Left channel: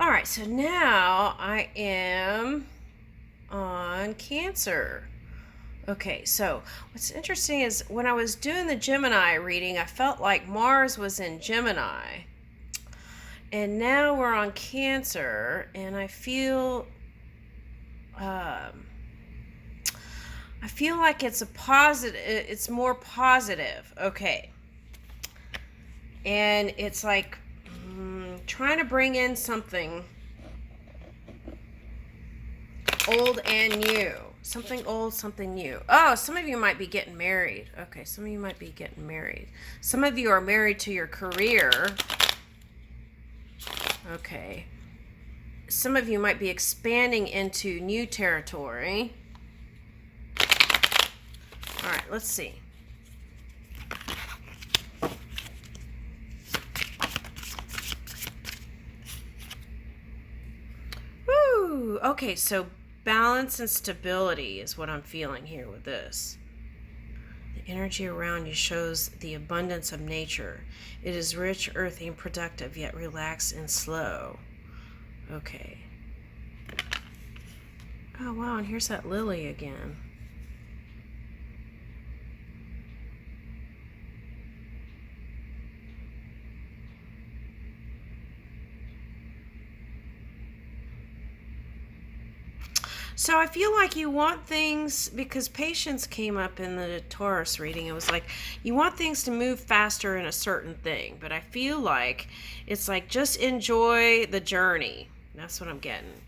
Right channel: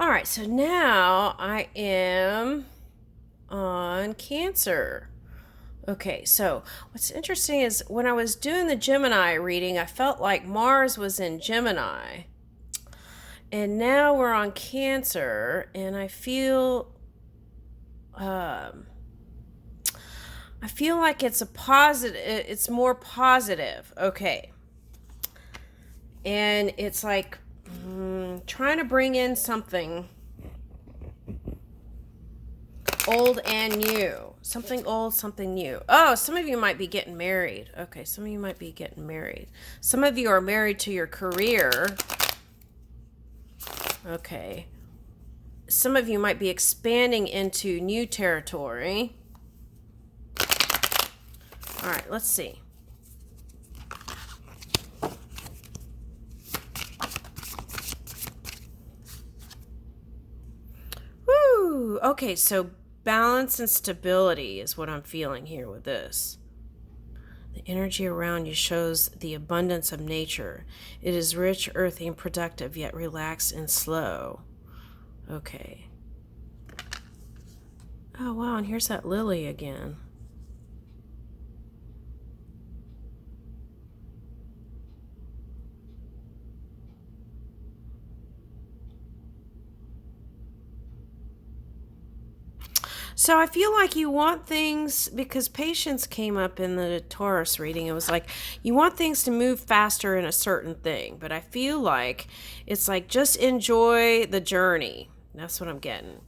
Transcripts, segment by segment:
All right, so now I am on Cancer. Okay, so what's interesting is when I was doing the Gemini reading, I felt like Mars was in Gemini. And now we're on Cancer, and um, I feel like it's a positive. It's more positive. Okay, and it's like trying to bring in something old and new. Something old, something new. Oh, some of you might be getting married. Okay, some of you might be getting married. Some of you are married to your career. Okay. Some of you might be expanding into new territory. All right, let's see. Woo! Okay, so balance and stability is what I'm feeling here with this. The energy around you shows the abundance of nature. It is rich, earthy, and productive, yet relaxed and slow. Okay. Oh, wow, and here's that lily again. So I feel like you want things, because patience came up in the Taurus reading. It was like you want things to move faster in a certain thing, but I feel like it's like just enjoy the journey. That's what I'm getting.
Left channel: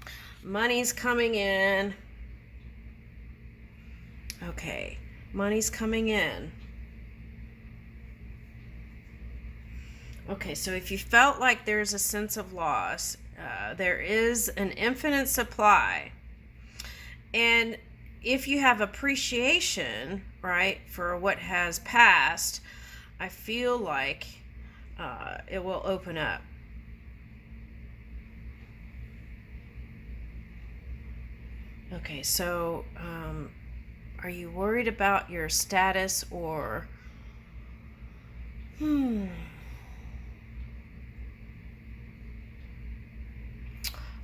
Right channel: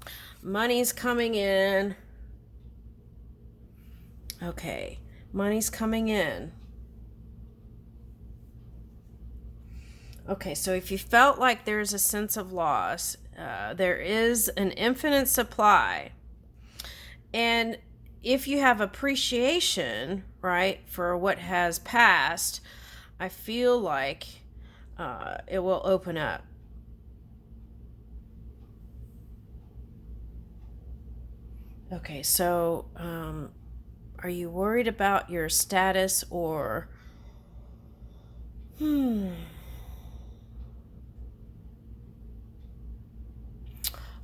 Money's coming in. Okay, money's coming in. Okay, so if you felt like there's a sense of loss, there is an infinite supply. And if you have appreciation, right, for what has passed, I feel like it will open up. Okay, so are you worried about your status or.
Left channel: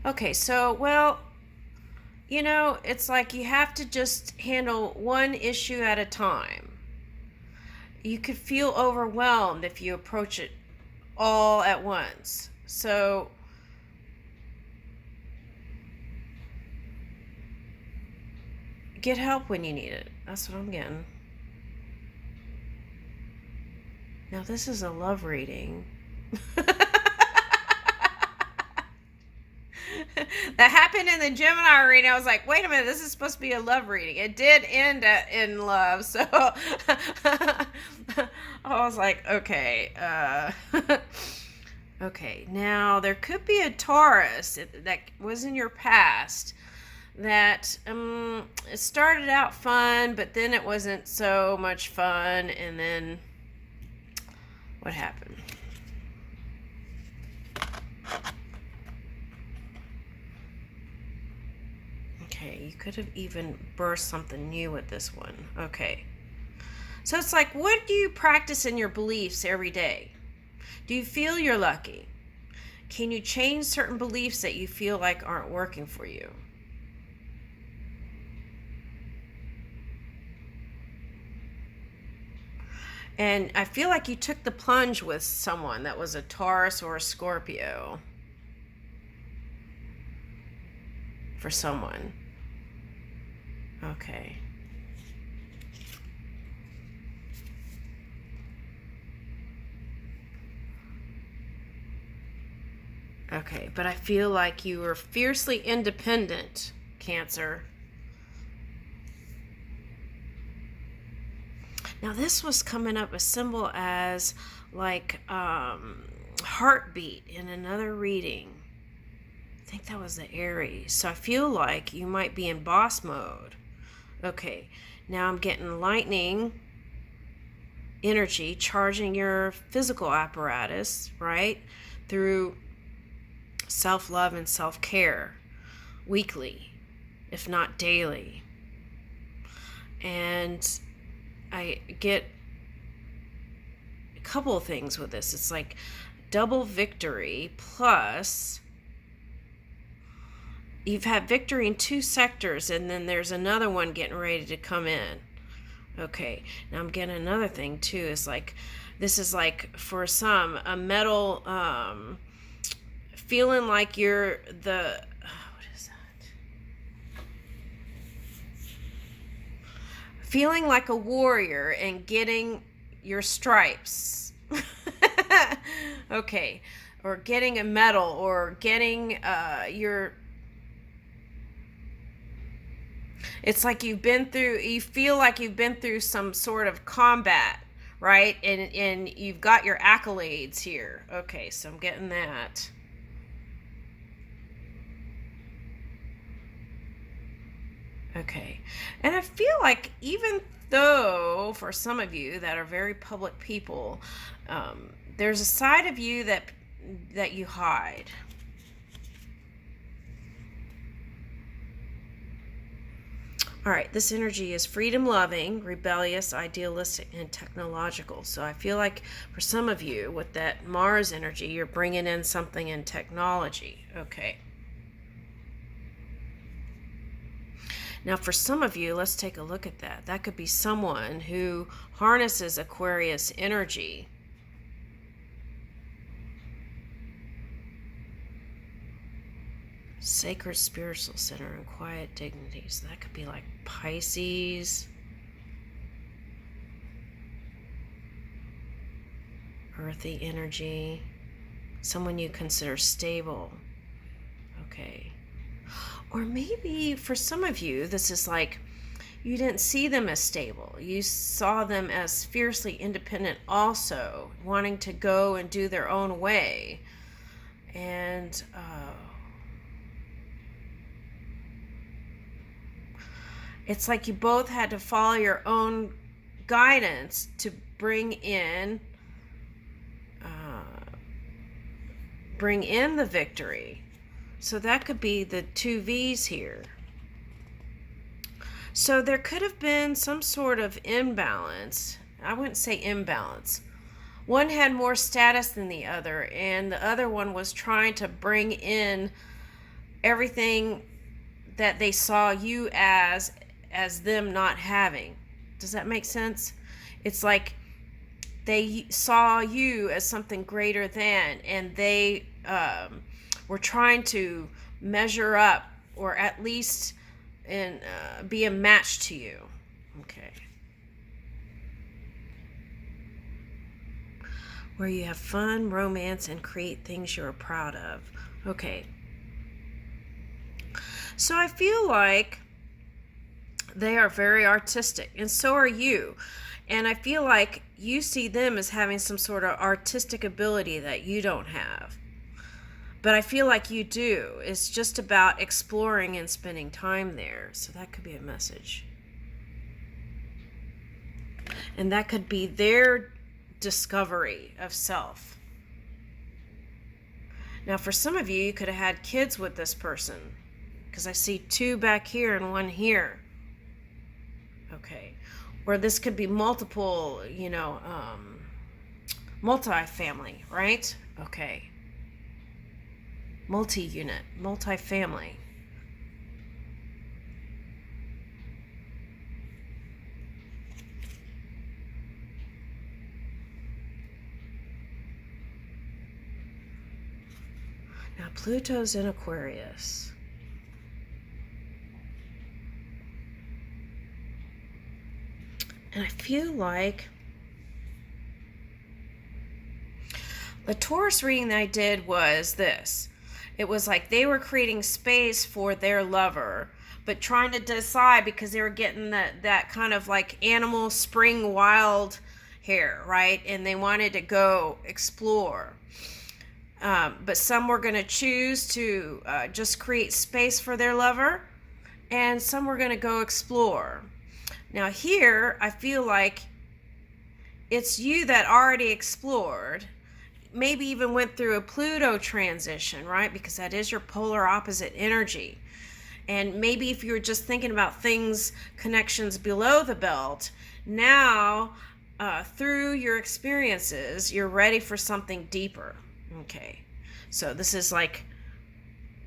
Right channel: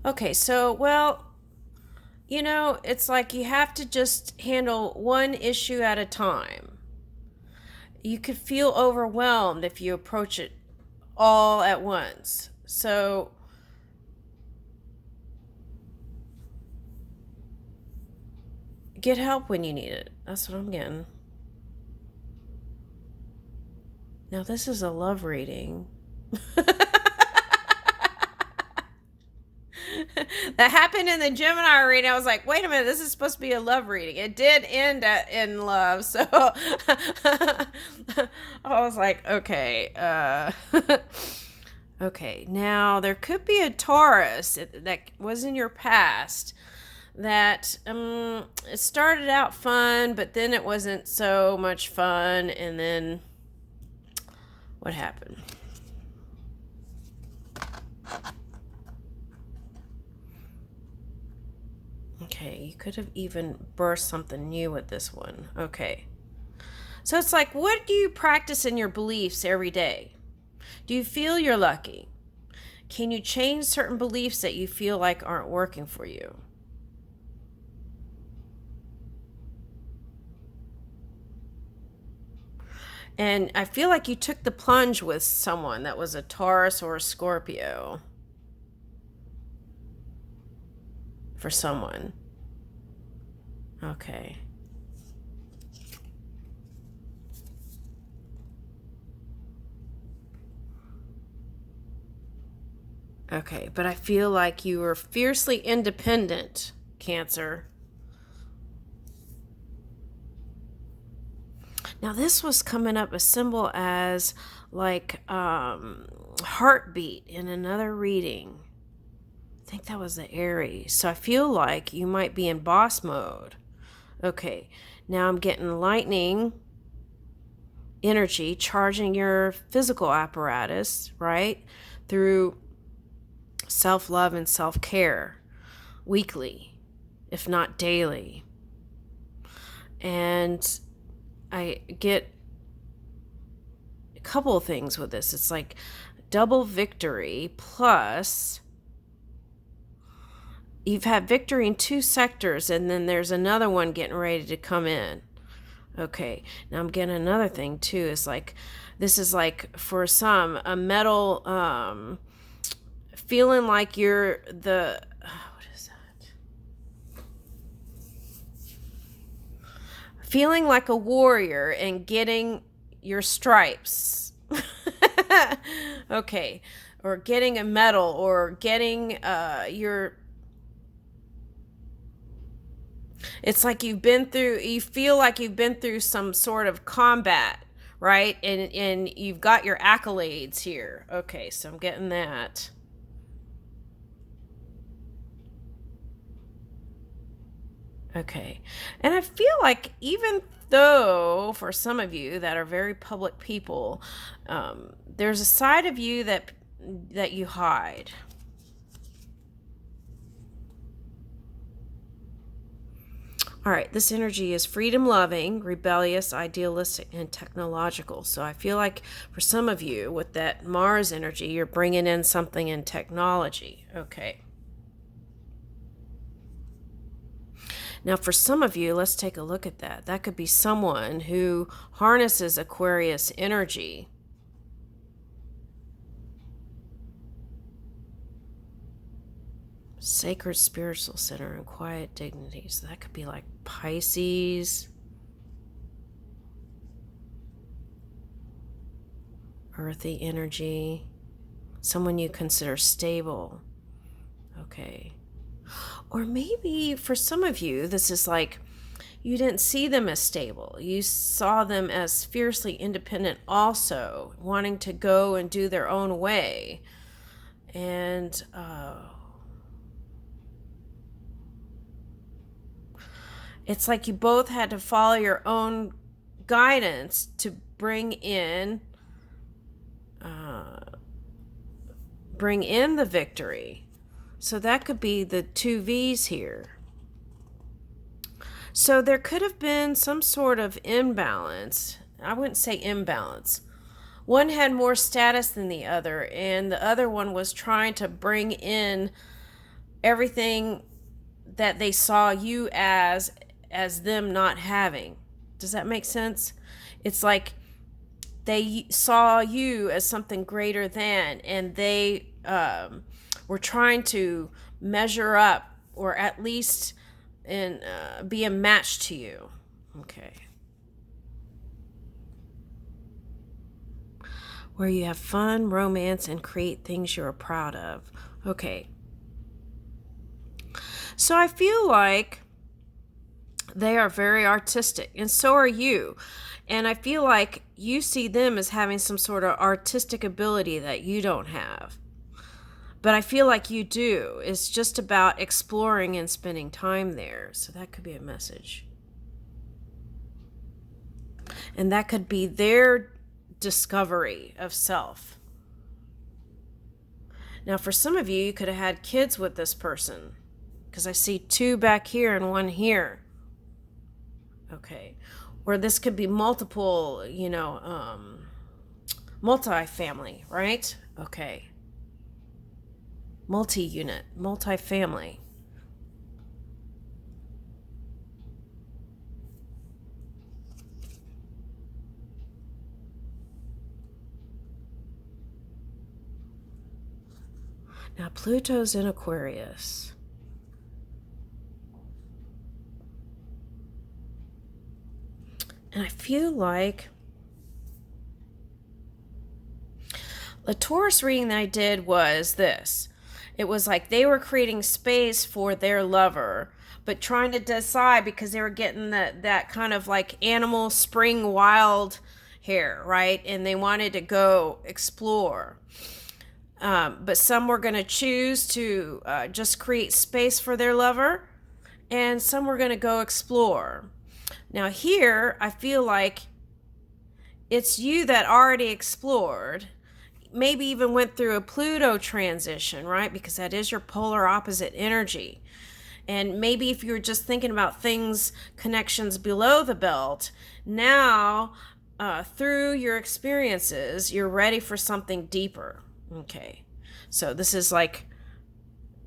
Okay, so, well, it's like you have to just handle one issue at a time. You could feel overwhelmed if you approach it all at once. So, get help when you need it. That's what I'm getting. Now, this is a love reading. That happened in the Gemini reading. I was like, wait a minute, this is supposed to be a love reading. It did end in love, so I was like, okay. Okay, now there could be a Taurus that was in your past that it started out fun, but then it wasn't so much fun, and then what happened? Okay, you could have even burst something new with this one. Okay. So it's like, what do you practice in your beliefs every day? Do you feel you're lucky? Can you change certain beliefs that you feel like aren't working for you? And I feel like you took the plunge with someone that was a Taurus or a Scorpio for someone. Okay. Okay, but I feel like you were fiercely independent, Cancer. Now, this was coming up a symbol as like heartbeat in another reading. I think that was the Aries. So I feel like you might be in boss mode. Okay, now I'm getting lightning energy charging your physical apparatus, right? Through self love and self care weekly, if not daily. And I get a couple of things with this. It's like double victory plus you've had victory in 2 sectors, and then there's another one getting ready to come in. Okay, now I'm getting another thing too. It's like, this is like for some a metal, feeling like you're the, what is that? Feeling like a warrior and getting your stripes. Okay, or getting a medal, or getting your, it's like you feel like you've been through some sort of combat, right? And you've got your accolades here. Okay, so I'm getting that. Okay. And I feel like, even though for some of you that are very public people, there's a side of you that you hide. All right, this energy is freedom loving, rebellious, idealistic, and technological. So I feel like for some of you with that Mars energy, you're bringing in something in technology. Okay. Now, for some of you, let's take a look at that. That could be someone who harnesses Aquarius energy. Sacred spiritual center and quiet dignity. So that could be like Pisces, earthy energy, someone you consider stable. Okay. Or maybe for some of you, this is like, you didn't see them as stable. You saw them as fiercely independent, also wanting to go and do their own way. And it's like you both had to follow your own guidance to bring in the victory. So that could be the 2 V's here. So there could have been some sort of imbalance. I wouldn't say imbalance. One had more status than the other, and the other one was trying to bring in everything that they saw you as them not having. Does that make sense? It's like they saw you as something greater than, and they were trying to measure up, or at least be a match to you. Okay. Where you have fun, romance, and create things you're proud of. Okay. So I feel like they are very artistic, and so are you. And I feel like you see them as having some sort of artistic ability that you don't have. But I feel like you do. It's just about exploring and spending time there. So that could be a message. And that could be their discovery of self. Now, for some of you, you could have had kids with this person, because I see 2 back here and 1 here. Okay. Or this could be multiple, multi-family, right? Okay. Multi-unit, multi-family. Now Pluto's in Aquarius. And I feel like the Taurus reading that I did was this. It was like they were creating space for their lover, but trying to decide, because they were getting that kind of like animal spring wild hair, right? And they wanted to go explore. But some were going to choose to just create space for their lover, and some were going to go explore. Now here, I feel like it's you that already explored, maybe even went through a Pluto transition, right? Because that is your polar opposite energy. And maybe if you were just thinking about things, connections below the belt, now through your experiences, you're ready for something deeper. Okay, so this is like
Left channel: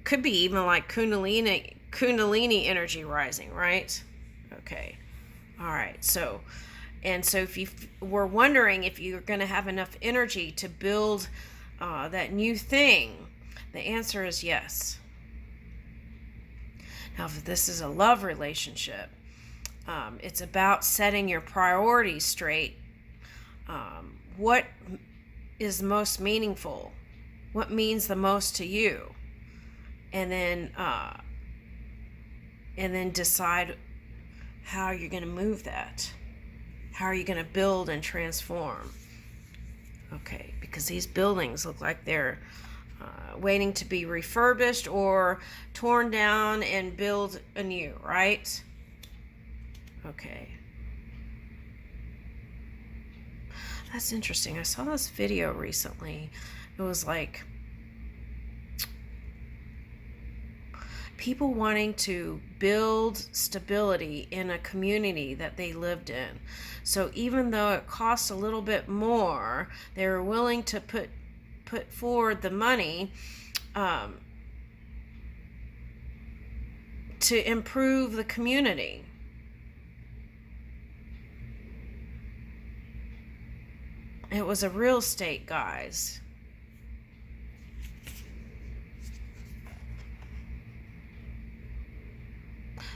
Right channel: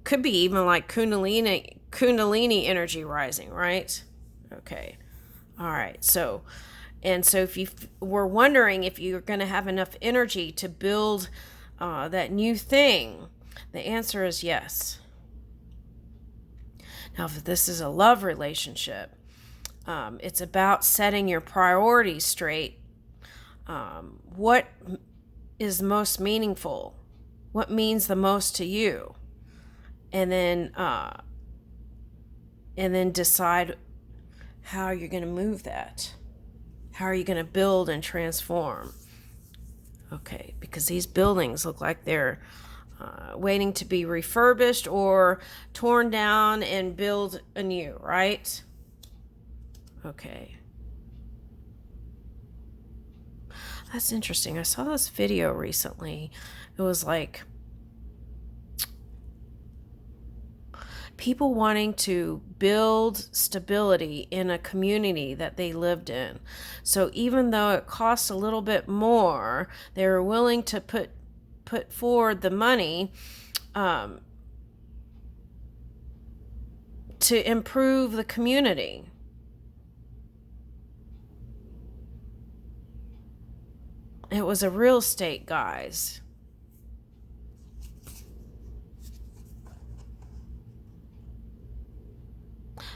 Could be even like Kundalini energy rising, right? Okay. All right. So if you were wondering if you're going to have enough energy to build that new thing, the answer is yes. Now, if this is a love relationship, it's about setting your priorities straight. What is most meaningful? What means the most to you? And then decide how you're going to move that. How are you going to build and transform? Okay, because these buildings look like they're waiting to be refurbished or torn down and build anew, right? Okay. That's interesting. I saw this video recently. It was like people wanting to build stability in a community that they lived in. So even though it costs a little bit more, they were willing to put forward the money to improve the community. It was a real estate, guys.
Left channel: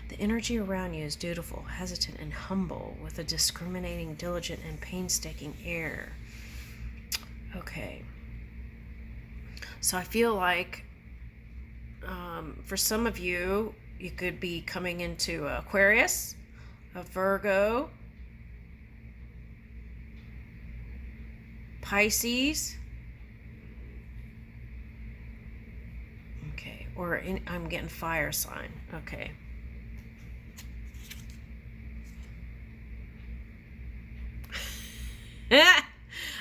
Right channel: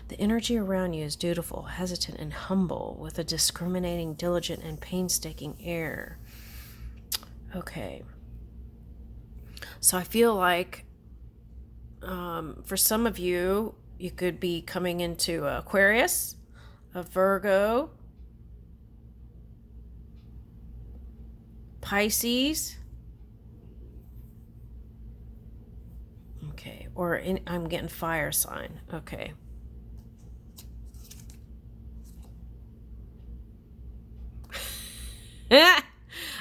The energy around you is dutiful, hesitant, and humble, with a discriminating, diligent, and painstaking air. Okay. So I feel like for some of you, you could be coming into Aquarius, a Virgo, Pisces. Okay. Or I'm getting fire sign. Okay.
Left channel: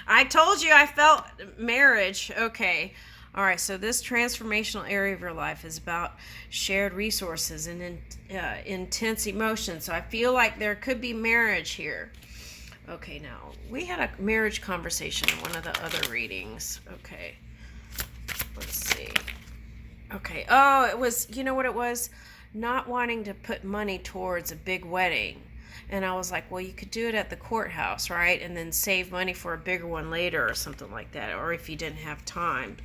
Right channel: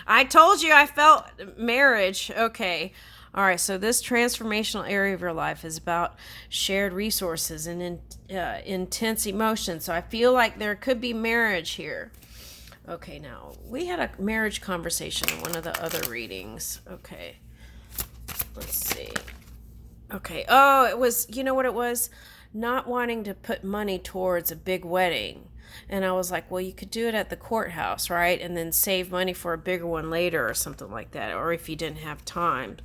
I told you I felt marriage. Okay. All right. So this transformational area of your life is about shared resources and intense emotions. So I feel like there could be marriage here. Okay. Now, we had a marriage conversation in one of the other readings. Okay. Let's see. Okay. Oh, it was, you know what it was? Not wanting to put money towards a big wedding. And I was like, well, you could do it at the courthouse, right? And then save money for a bigger one later or something like that. Or if you didn't have time.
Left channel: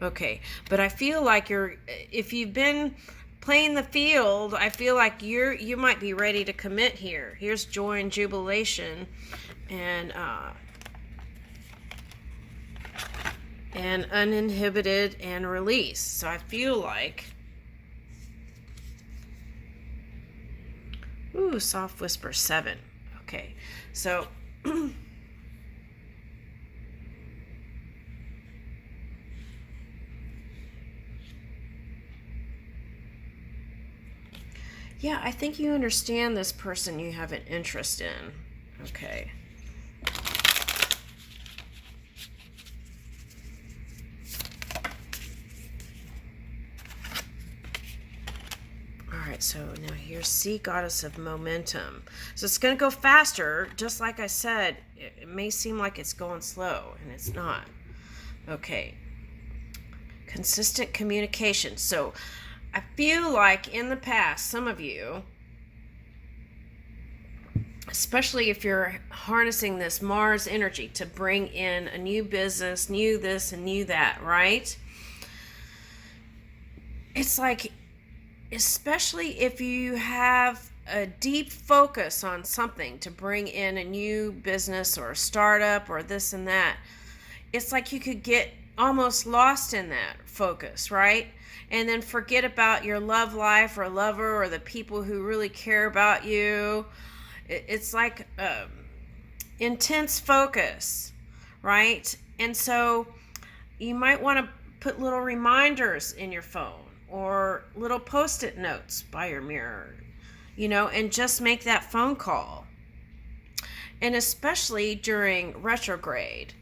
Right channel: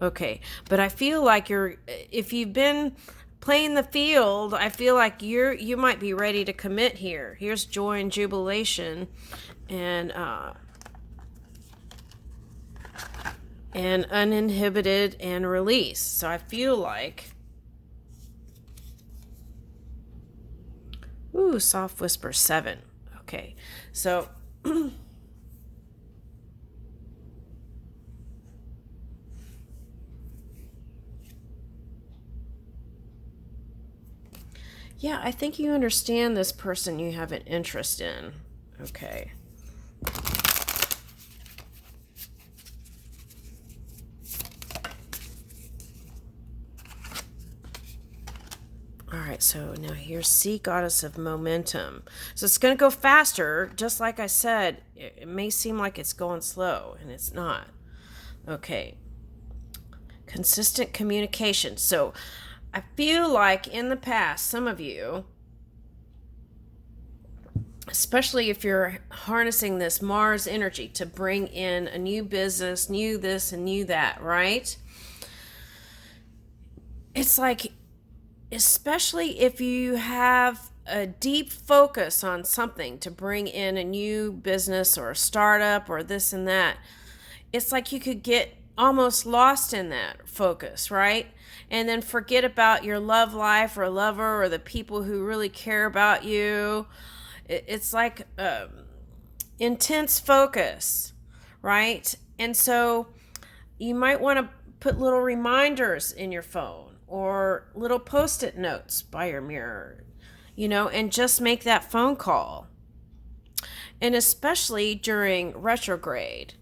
Okay. But I feel like if you've been playing the field, I feel like you might be ready to commit here. Here's joy and jubilation and uninhibited and release. So I feel like, ooh, soft whisper 7. Okay, so yeah, I think you understand this person you have an interest in. Okay. Alright, so now here's Sea Goddess of Momentum. So it's going to go faster, just like I said. It may seem like it's going slow, and it's not. Okay. Consistent communication. So I feel like in the past, some of you, especially if you're harnessing this Mars energy to bring in a new business, new this and new that, right? It's like, especially if you have a deep focus on something to bring in a new business or a startup or this and that, it's like you could get almost lost in that focus, right? And then forget about your love life or lover or the people who really care about you. It's like intense focus, right? And so you might want to put little reminders in your phone or little post-it notes by your mirror, and just make that phone call. And especially during retrograde,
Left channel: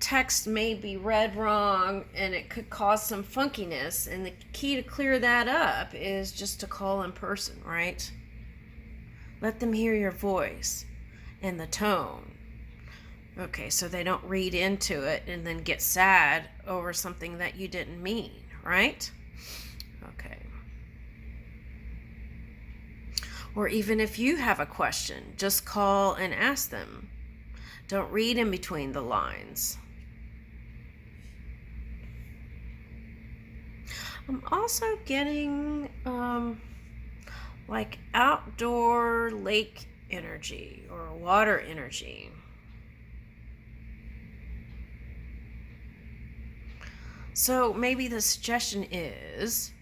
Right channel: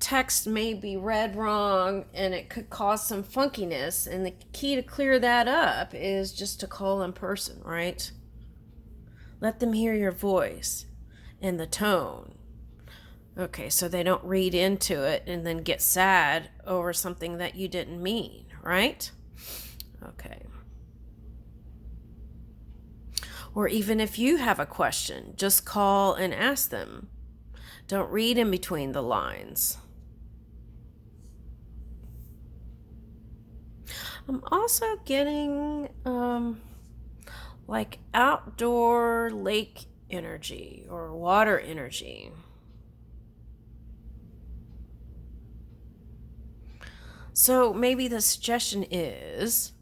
text may be read wrong and it could cause some funkiness, and the key to clear that up is just to call in person, right? Let them hear your voice and the tone. Okay, so they don't read into it and then get sad over something that you didn't mean, right? Okay. Or even if you have a question, just call and ask them. Don't read in between the lines. I'm also getting like outdoor lake energy or water energy. So maybe the suggestion is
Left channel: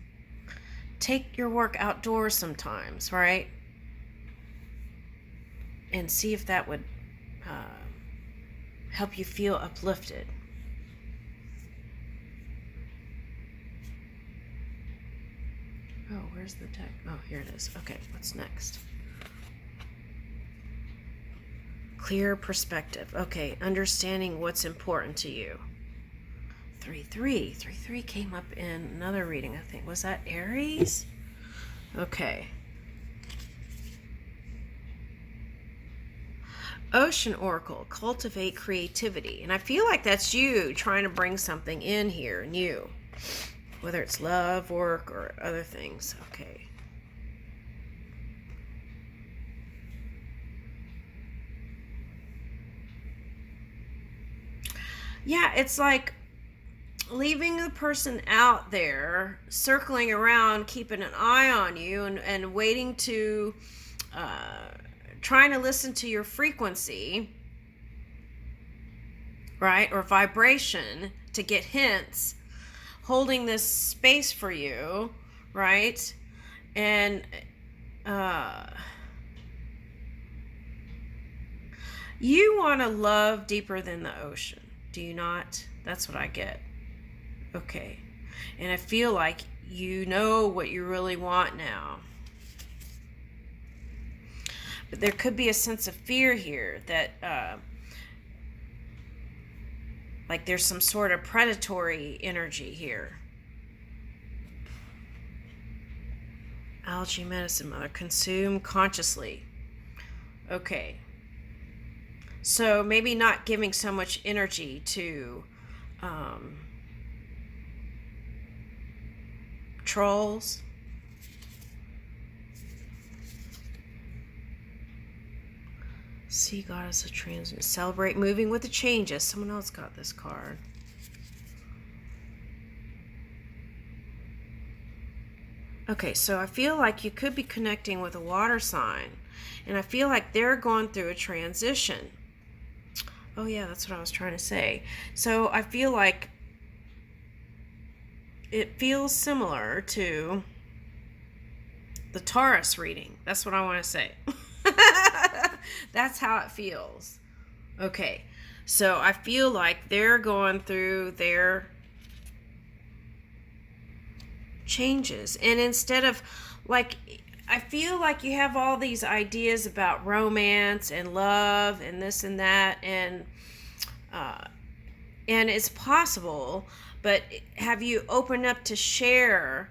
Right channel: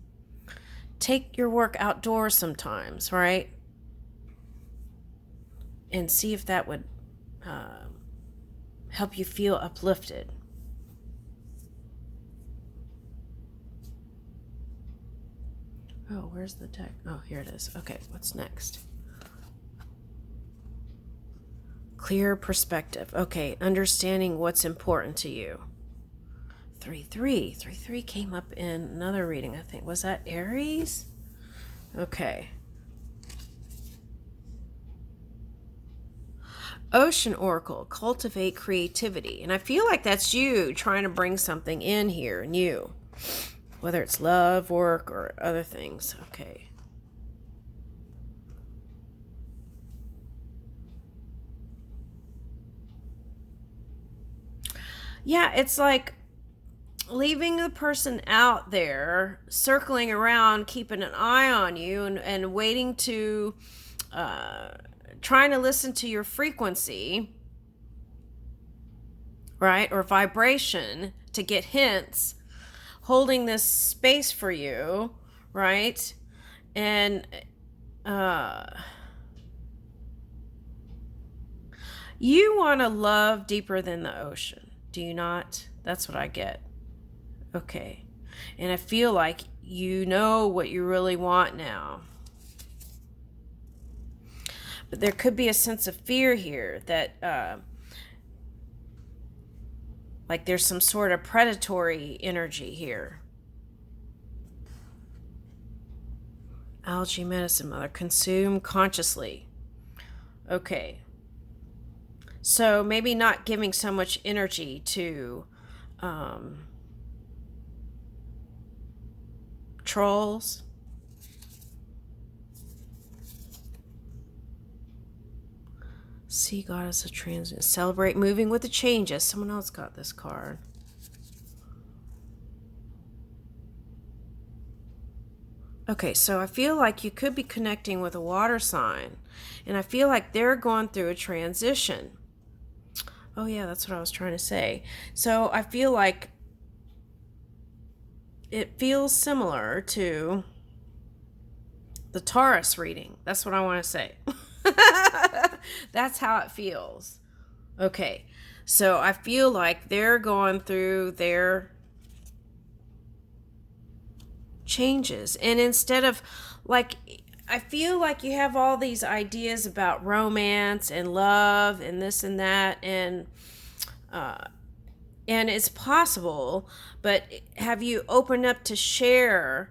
take your work outdoors sometimes, right? And see if that would help you feel uplifted. Oh, where's the deck? Oh, here it is. Okay, what's next? Clear perspective. Okay, understanding what's important to you. 3-3. 3-3 came up in another reading, I think. Was that Aries? Okay. Ocean Oracle, cultivate creativity. And I feel like that's you trying to bring something in here, new. Whether it's love, work, or other things. Okay. Yeah, it's like leaving the person out there, circling around, keeping an eye on you, and waiting to, trying to listen to your frequency, right, or vibration to get hints, holding this space for you, right, and you want to love deeper than the ocean, do you not? That's what I get. Okay. And I feel like you know what you really want now. But there could be a sense of fear here that, like there's some sort of predatory energy here. Algae medicine mother, consume consciously. Okay. So maybe not giving so much energy to trolls. Sea goddess of transit. Celebrate moving with the changes. Someone else got this card. Okay, so I feel like you could be connecting with a water sign. And I feel like they're going through a transition. Oh yeah, that's what I was trying to say. So I feel like it feels similar to the Taurus reading. That's what I want to say. That's how it feels. Okay, so I feel like they're going through their changes. And instead of, like, I feel like you have all these ideas about romance and love and this and that, and it's possible, but have you opened up to share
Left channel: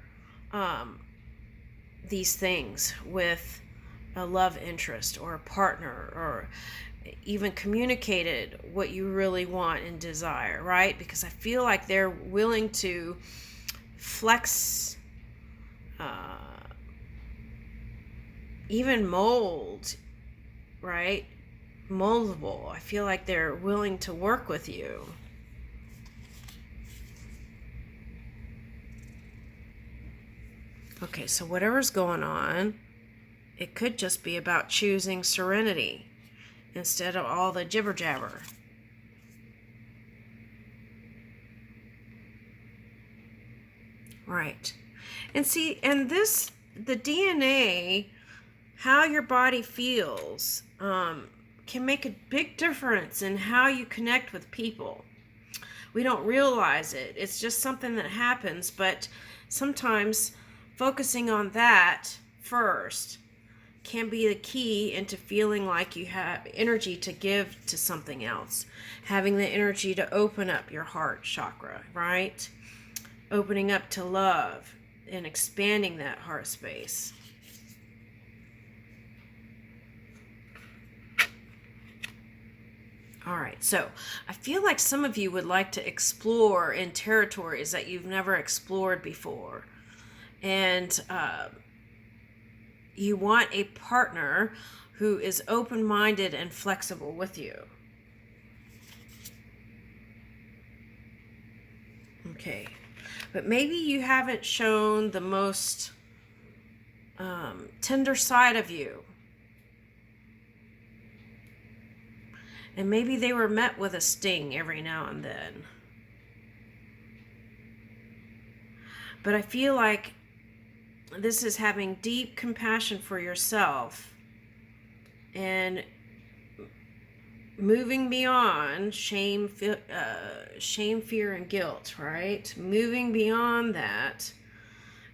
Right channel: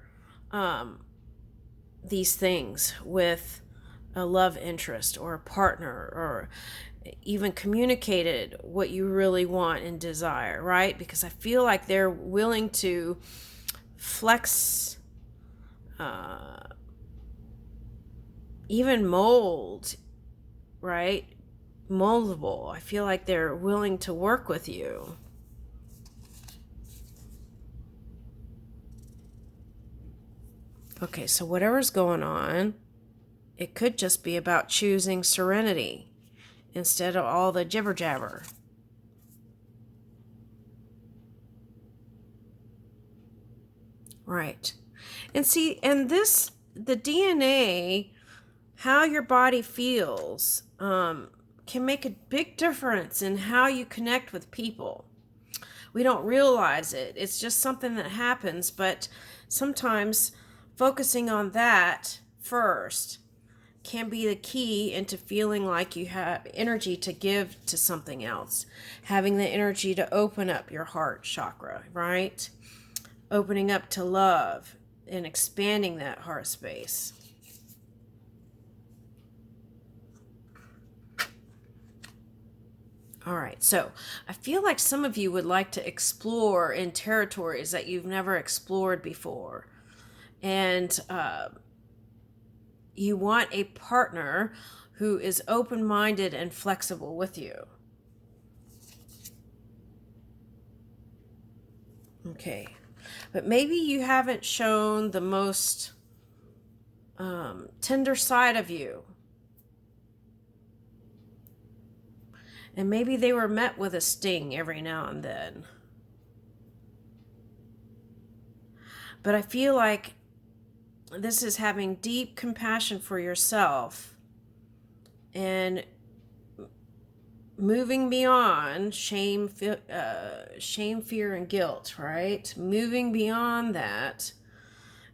these things with a love interest or a partner, or even communicated what you really want and desire, right? Because I feel like they're willing to flex, even mold, right? Moldable. I feel like they're willing to work with you. Okay, so whatever's going on, it could just be about choosing serenity instead of all the jibber jabber. Right. And see, and this, the DNA, how your body feels, can make a big difference in how you connect with people. We don't realize it. It's just something that happens, but sometimes focusing on that first can be the key into feeling like you have energy to give to something else. Having the energy to open up your heart chakra, right? Opening up to love and expanding that heart space. All right, so I feel like some of you would like to explore in territories that you've never explored before. And you want a partner who is open-minded and flexible with you. Okay, but maybe you haven't shown the most tender side of you. And maybe they were met with a sting every now and then. But I feel like this is having deep compassion for yourself and moving beyond shame, fear, and guilt, right? Moving beyond that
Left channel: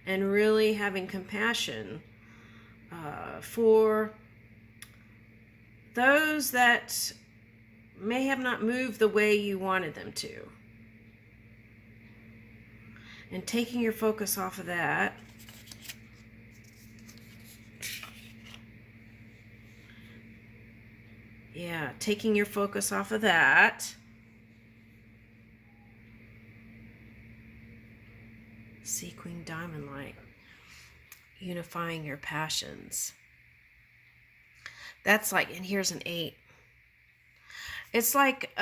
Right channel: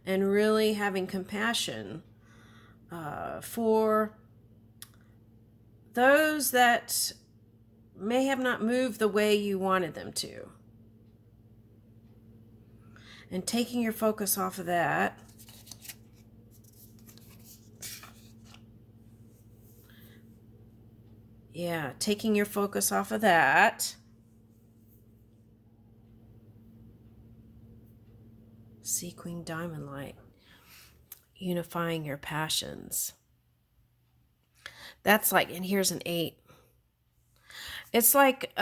and really having compassion for those that may have not moved the way you wanted them to. And taking your focus off of that. Yeah, taking your focus off of that. Sea Queen Diamond Light. Unifying your passions. That's like, and here's an 8. It's like,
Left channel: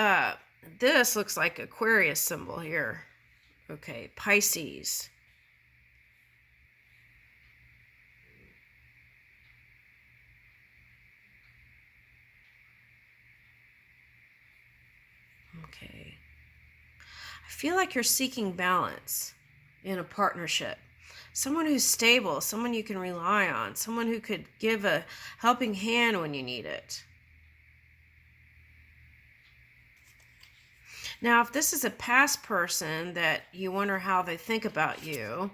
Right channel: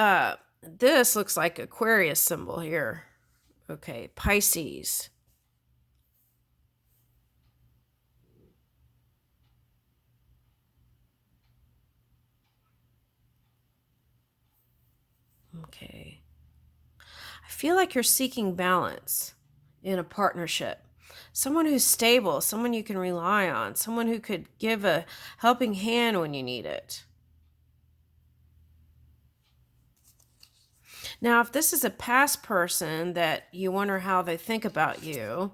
this looks like Aquarius symbol here. Okay, Pisces. Okay. I feel like you're seeking balance in a partnership. Someone who's stable, someone you can rely on, someone who could give a helping hand when you need it. Now, if this is a past person that you wonder how they think about you,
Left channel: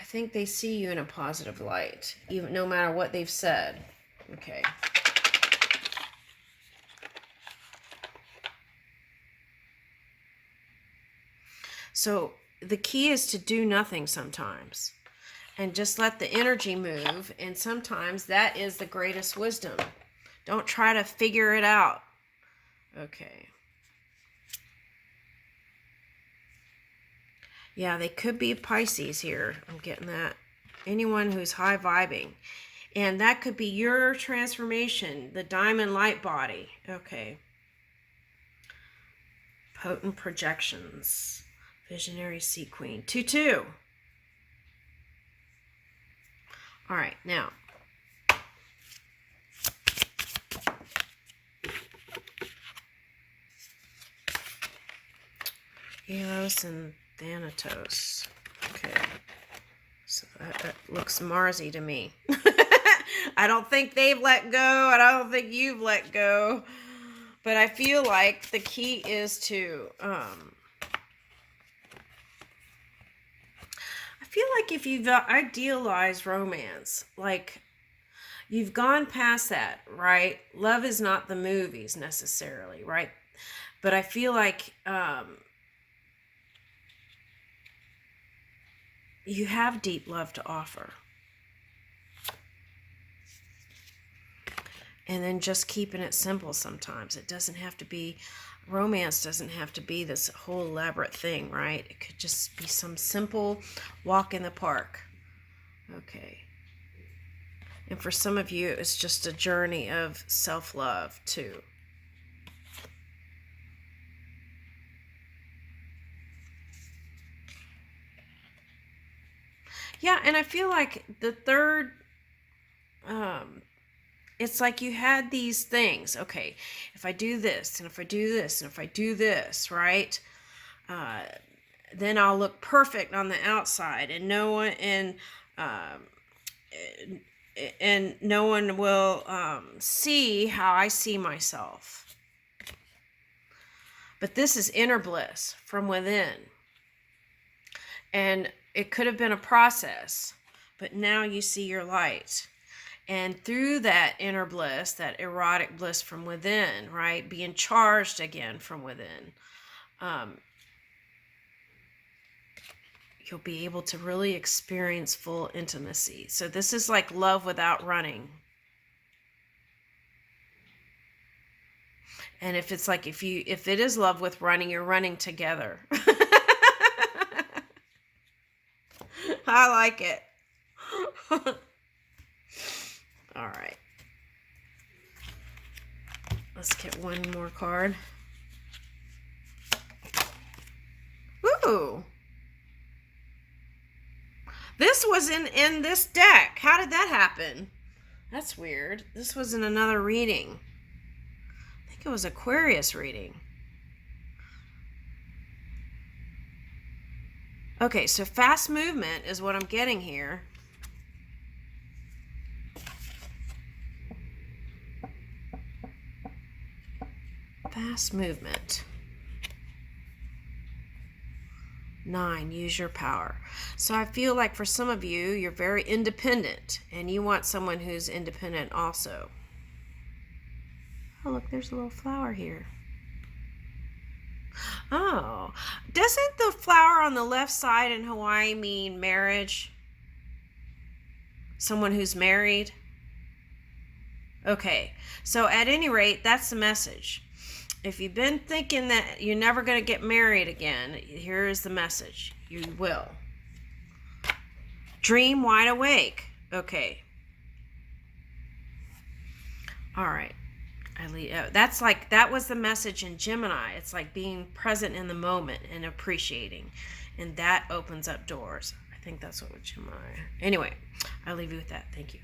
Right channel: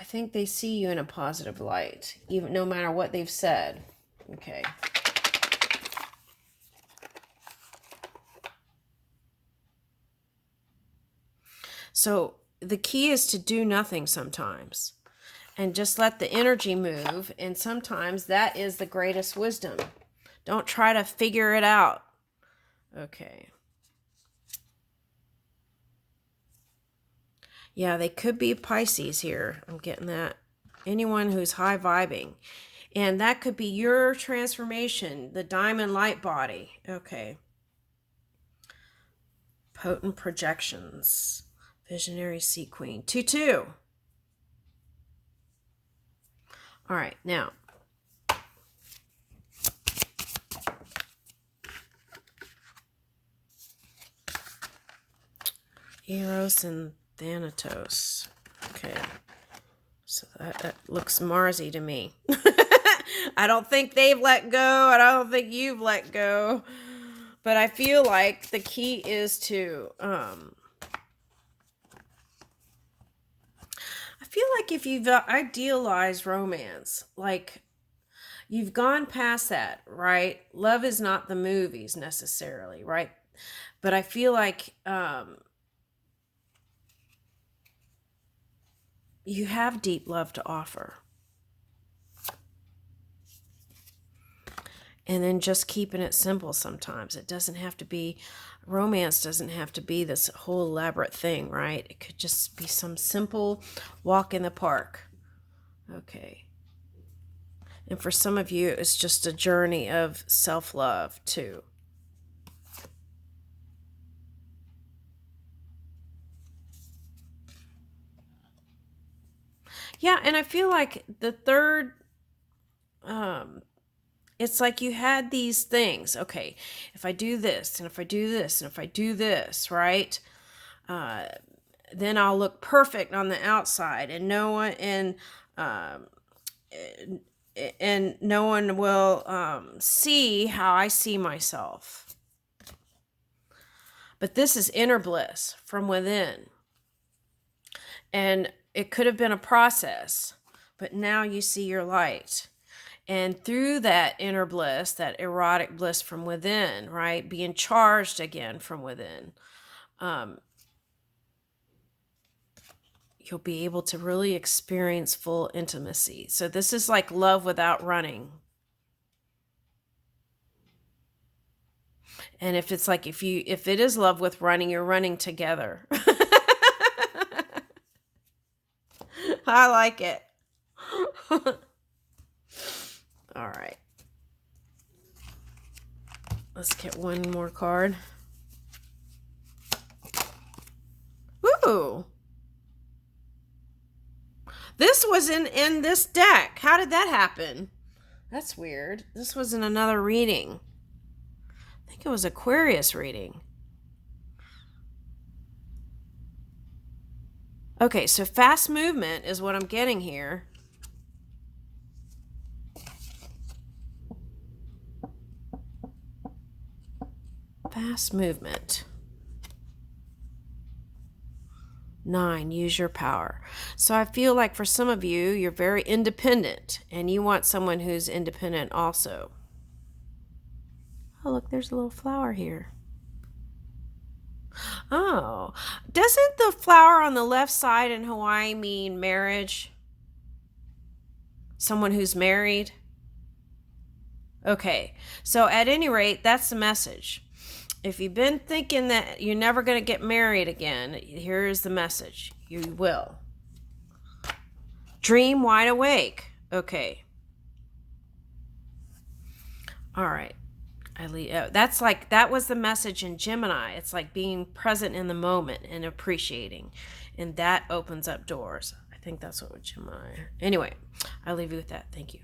I think they see you in a positive light, even no matter what they've said. Okay. So the key is to do nothing sometimes and just let the energy move. And sometimes that is the greatest wisdom. Don't try to figure it out. Okay. Yeah, they could be Pisces here. I'm getting that. Anyone who's high vibing. And that could be your transformation, the diamond light body. Okay. Potent projections. Visionary Sea Queen. 2-2. All right, now. Eros and Thanatos. Okay. So that looks Marsy to me. I don't think they've let go, and I don't think you've let go. But I feel like the key is to... I feel like if you've idealized romance, like you've gone past that, right? Love is not the movies necessarily, right? But I feel like you have deep love to offer. And then just keeping it simple sometimes. It doesn't have to be, romance doesn't have to be this whole elaborate thing, right? It could just be some simple walk in the park. Okay. And for some of you, it's just a journey of self-love too. Yeah, and I feel like the third, it's like you had these things. Okay, if I do this, and if I do this, and if I do this, right? Then I'll look perfect on the outside, and no one will see how I see myself. But this is inner bliss from within. And it could have been a process, but now you see your light. And through that inner bliss, that erotic bliss from within, right, being charged again from within, you'll be able to really experience full intimacy. So this is like love without running. And if it's like, if it is love with running, you're running together. I like it. All right. Let's get one more card. Ooh. This was in this deck. How did that happen? That's weird. This was in another reading. I think it was Aquarius reading. Okay, so fast movement is what I'm getting here. Fast movement. 9, use your power. So I feel like for some of you, you're very independent and you want someone who's independent also. Oh, look, there's a little flower here. Oh, doesn't the flower on the left side in Hawaii mean marriage? Someone who's married? Okay, so at any rate, that's the message. If you've been thinking that you're never going to get married again, here is the message. You will. Dream wide awake. Okay. All right. That's like, that was the message in Gemini. It's like being present in the moment and appreciating. And that opens up doors. I think that's what Gemini. Anyway, I'll leave you with that. Thank you.